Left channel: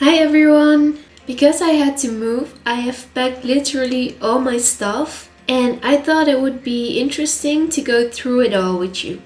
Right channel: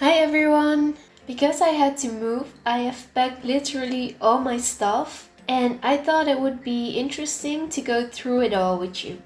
Hi everyone! Because I had to move, I have packed literally all my stuff, and I thought it would be interesting to go through it all with you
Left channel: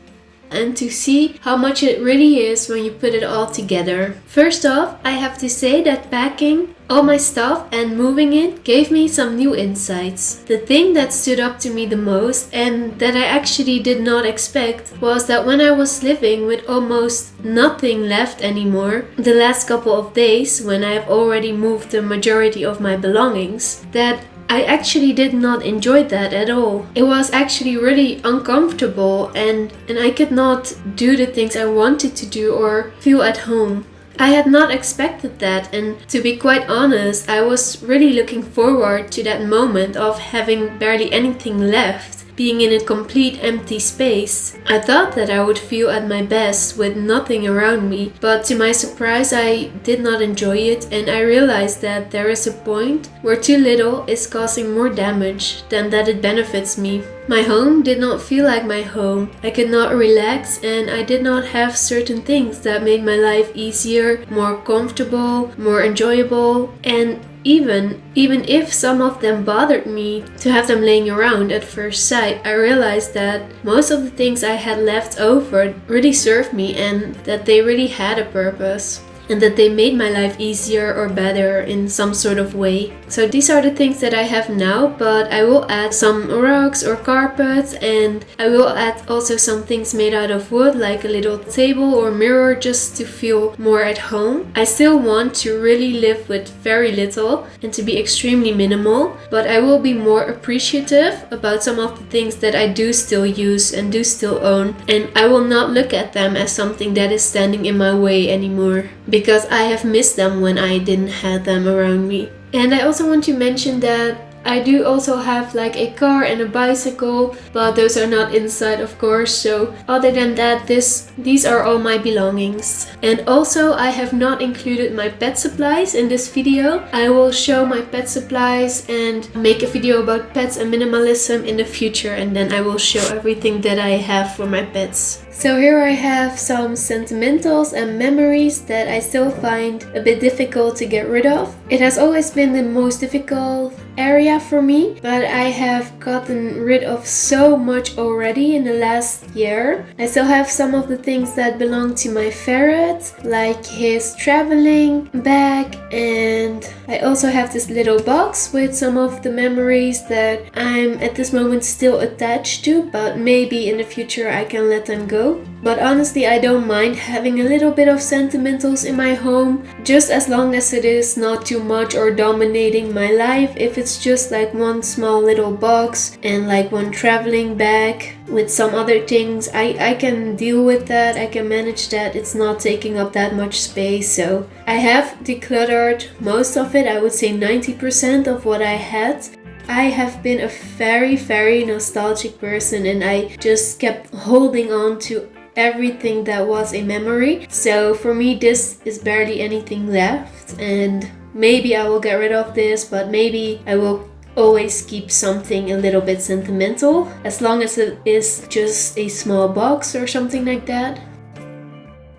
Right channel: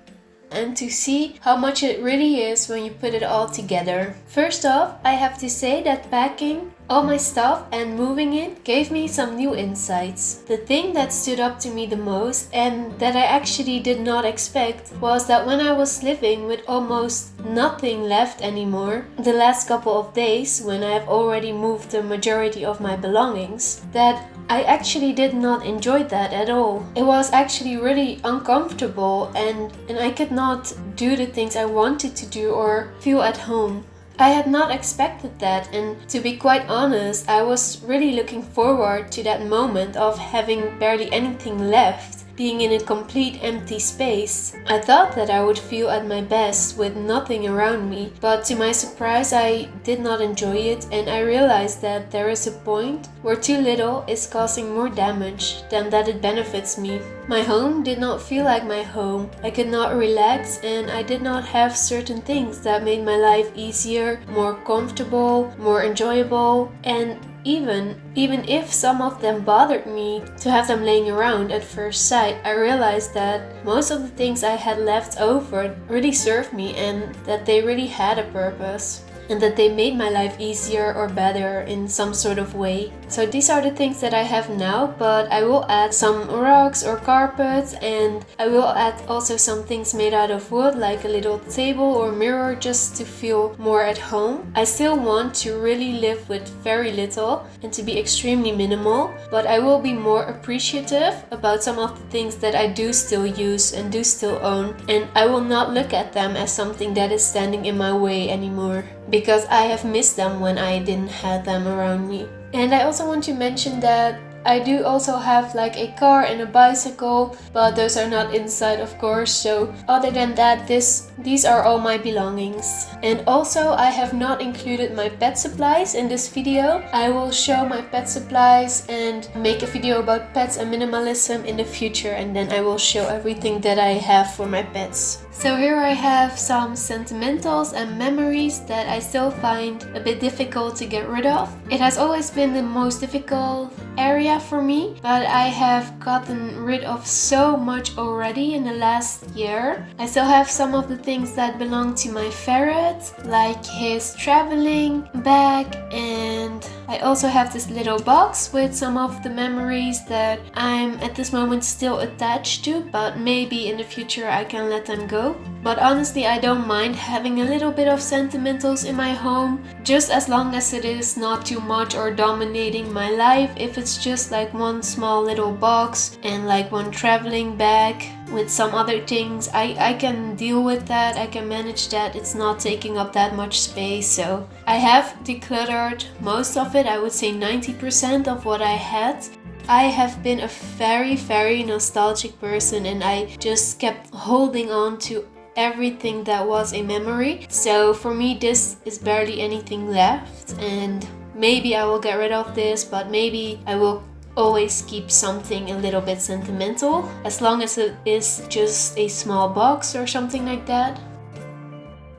and to see how much it really is when you put it all together. First off, I have to say that packing all my stuff and moving it gave me some new insights. The thing that stood up to me the most and that I actually did not expect was that when I was living with almost nothing left anymore, the last couple of days when I have already moved the majority of my belongings, that I actually did not enjoy that at all. It was actually really uncomfortable and I could not do the things I wanted to do or feel at home. I had not expected that, and to be quite honest, I was really looking forward to that moment of having barely anything left, being in a complete empty space. I thought that I would feel at my best with nothing around me, but to my surprise I did not enjoy it, and I realized that there is a point where too little is causing more damage than that it benefits me. My home did not feel like my home. I could not relax, and I did not have certain things that made my life easier, more comfortable, more enjoyable, and even if some of them bothered me to have them laying around at first sight, I realized that most of the things I had left over really served me and that they really had a purpose. And that they made my life easier or better in some sort of way. So these are the things that I have now, but I will add some rugs or carpets, and I will add also some things made out of wood, like a little table or mirror, just to feel more at home. I still want to really live with very little and to be extremely minimal, but I will be more appreciative about some of the things that I do still use and do still own, and I will not look at them as something that is standing in my way anymore, because I have missed them when I didn't have them around me. And I also want to mention that I do also have like a car and a bicycle, but those are not inside, of course. So other than that, these are all my belongings. And also I have not included my pet supplies in this video. I will show my pet supplies and make a video about pets and minimalism in the future, and then I will show everything that I have for my pets. So here I have some sentimentals and memories that I still find a bit difficult to get rid of. It has always been the most difficult area for me, but I have gotten rid of so much already in the last year. I still have some of the things that belong to my ferret, like his traveling bag, and I also have this little box with some of the memories that I'm at this moment still attached to, but maybe in the future I can let them go. But honestly, I don't mind having a little bit of sentimentals in my home, just as long as it is not too much or dominating my life. If it's just like one small little box and like one traveling bag with some other things, I can deal with that, I can manage that. It's not taking up that much space. So I have decluttered most of it. I would say 90% of what I had. I have been a very nostalgic person, and I just kept holding on to everything that was a memory. So for me, this is barely anything left, and maybe I will get rid of this, but maybe I will always keep something a little bit sentimental, as long as it is just a small box or something like that.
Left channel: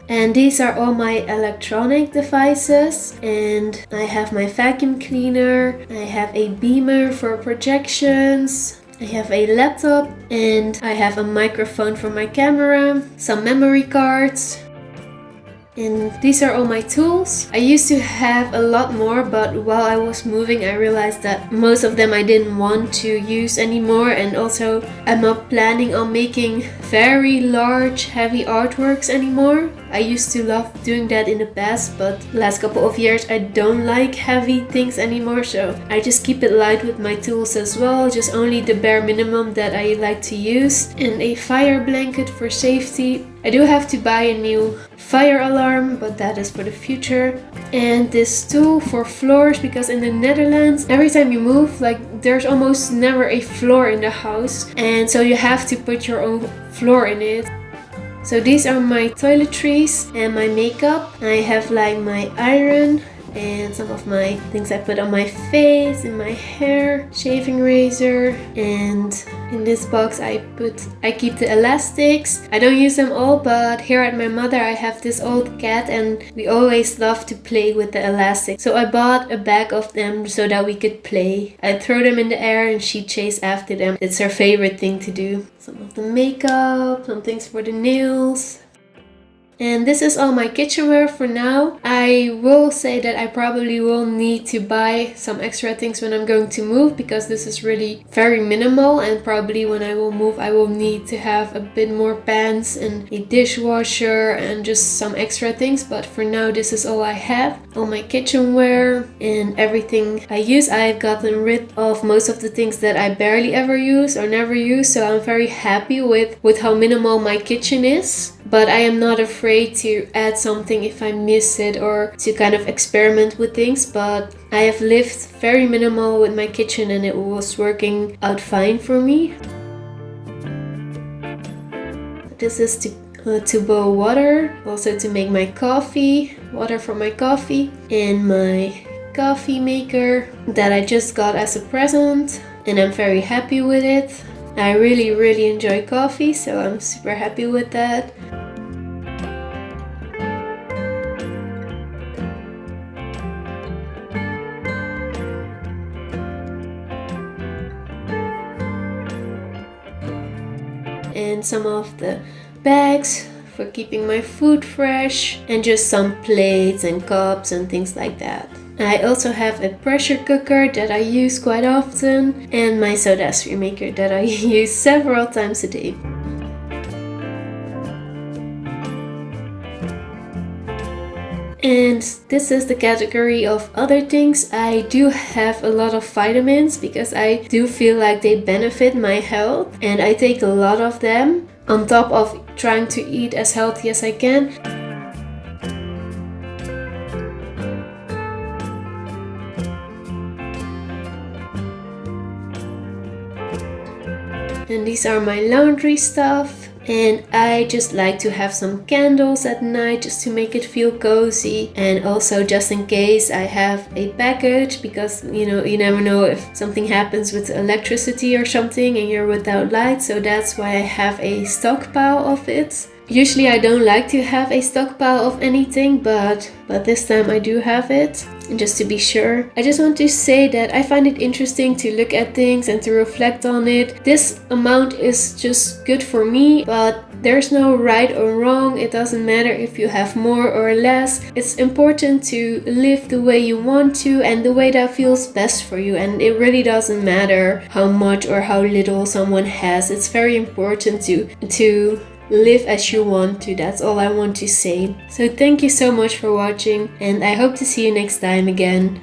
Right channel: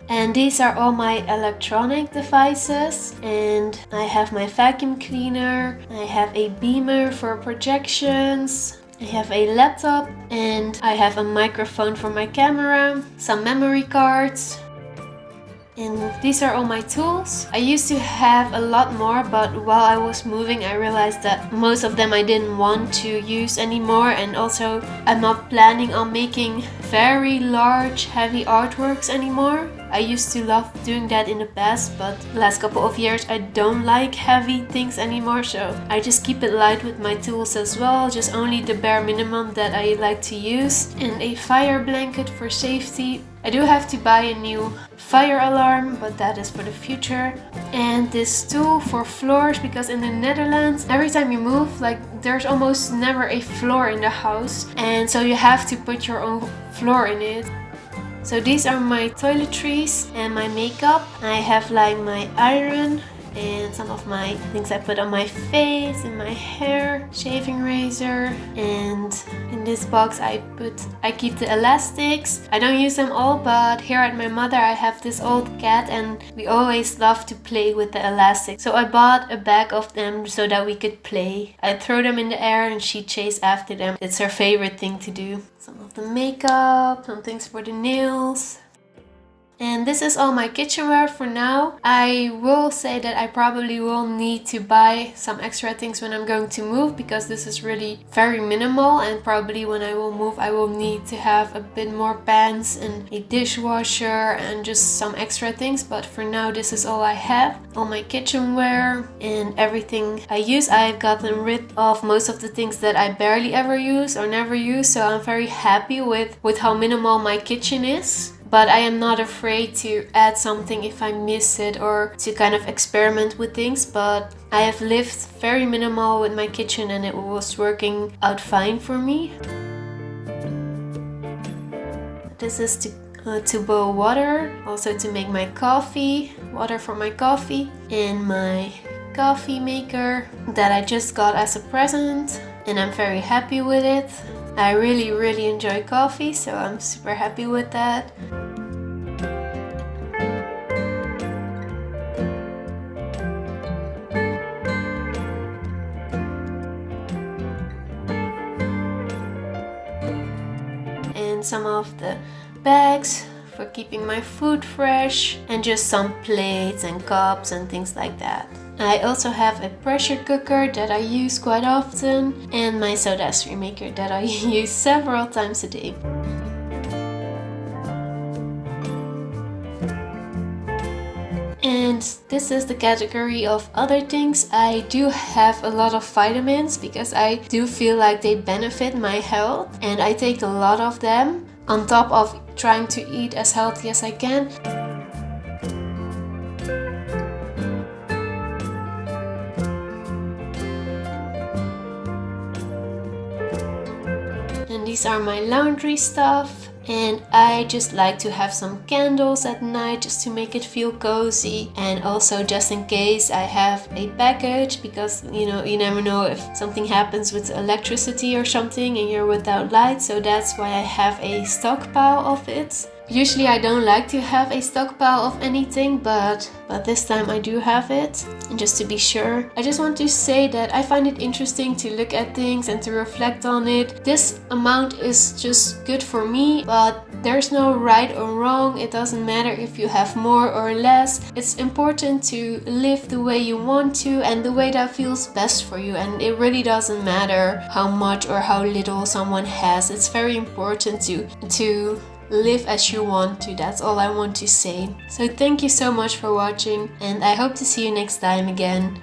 And these are all my electronic devices, and I have my vacuum cleaner, I have a beamer for projections, I have a laptop, and I have a microphone for my camera, some memory cards. And these are all my tools. I used to have a lot more, but while I was moving I realized that most of them I didn't want to use anymore, and also I'm not planning on making very large heavy artworks anymore. I used to love doing that in the past, but the last couple of years I don't like heavy things anymore, so I just keep it light with my tools as well, just only the bare minimum that I like to use, and a fire blanket for safety. I do have to buy a new fire alarm, but that is for the future. And this tool for floors, because in the Netherlands every time you move, like, there's almost never a floor in the house, and so you have to put your own floor in it. So these are my toiletries and my makeup. I have like my iron and some of my things I put on my face and my hair, shaving razor, and In this box I keep the elastics. I don't use them all, but here at my mother I have this old cat and we always love to play with the elastics. So I bought a bag of them so that we could play. I throw them in the air and she chase after them. It's her favorite thing to do. Some of the makeup, some things for the nails. And this is all my kitchenware for now. I will say that I probably will need to buy some extra things when I'm going to move, because this is really very minimal, and probably when I will move I will need to have a bit more pans and a dishwasher and just some extra things. But for now this is all I have. All my kitchenware and everything I use. I've gotten rid of most of the things that I barely ever use or never use, so I'm very happy with how minimal my kitchen is. But I am not afraid to add something if I miss it, or to kind of experiment with things. But I have lived very minimal with my kitchen and it was working out fine for me. This is to boil water, also to make my coffee, water for my coffee, and my coffee maker that I just got as a present, and I'm very happy with it. I really enjoy coffee, so I'm super happy with that. And some of the bags for keeping my food fresh, and just some plates and cups and things like that. I also have a pressure cooker that I use quite often, and my soda stream maker that I use several times a day. And this is the category of other things. I do have a lot of vitamins because I do feel like they benefit my health, and I take a lot of them on top of trying to eat as healthy as I can. And these are my laundry stuff, and I just like to have some candles at night just to make it feel cozy, and also just in case I have a package, because you never know if something happens with electricity or something and you're without light, so that's why I have a stockpile of it. Usually I don't like to have a stockpile of anything, but this time I do have it. And just to be sure, I just want to say that I find it interesting to look at things and to reflect on it. This amount is just good for me, but there's no right or wrong. It doesn't matter if you have more or less. It's important to live the way you want to and the way that feels best for you. And it really doesn't matter how much or how little someone has. It's very important to live as you want to. That's all I want to say. So thank you so much for watching, and I hope to see you next time again.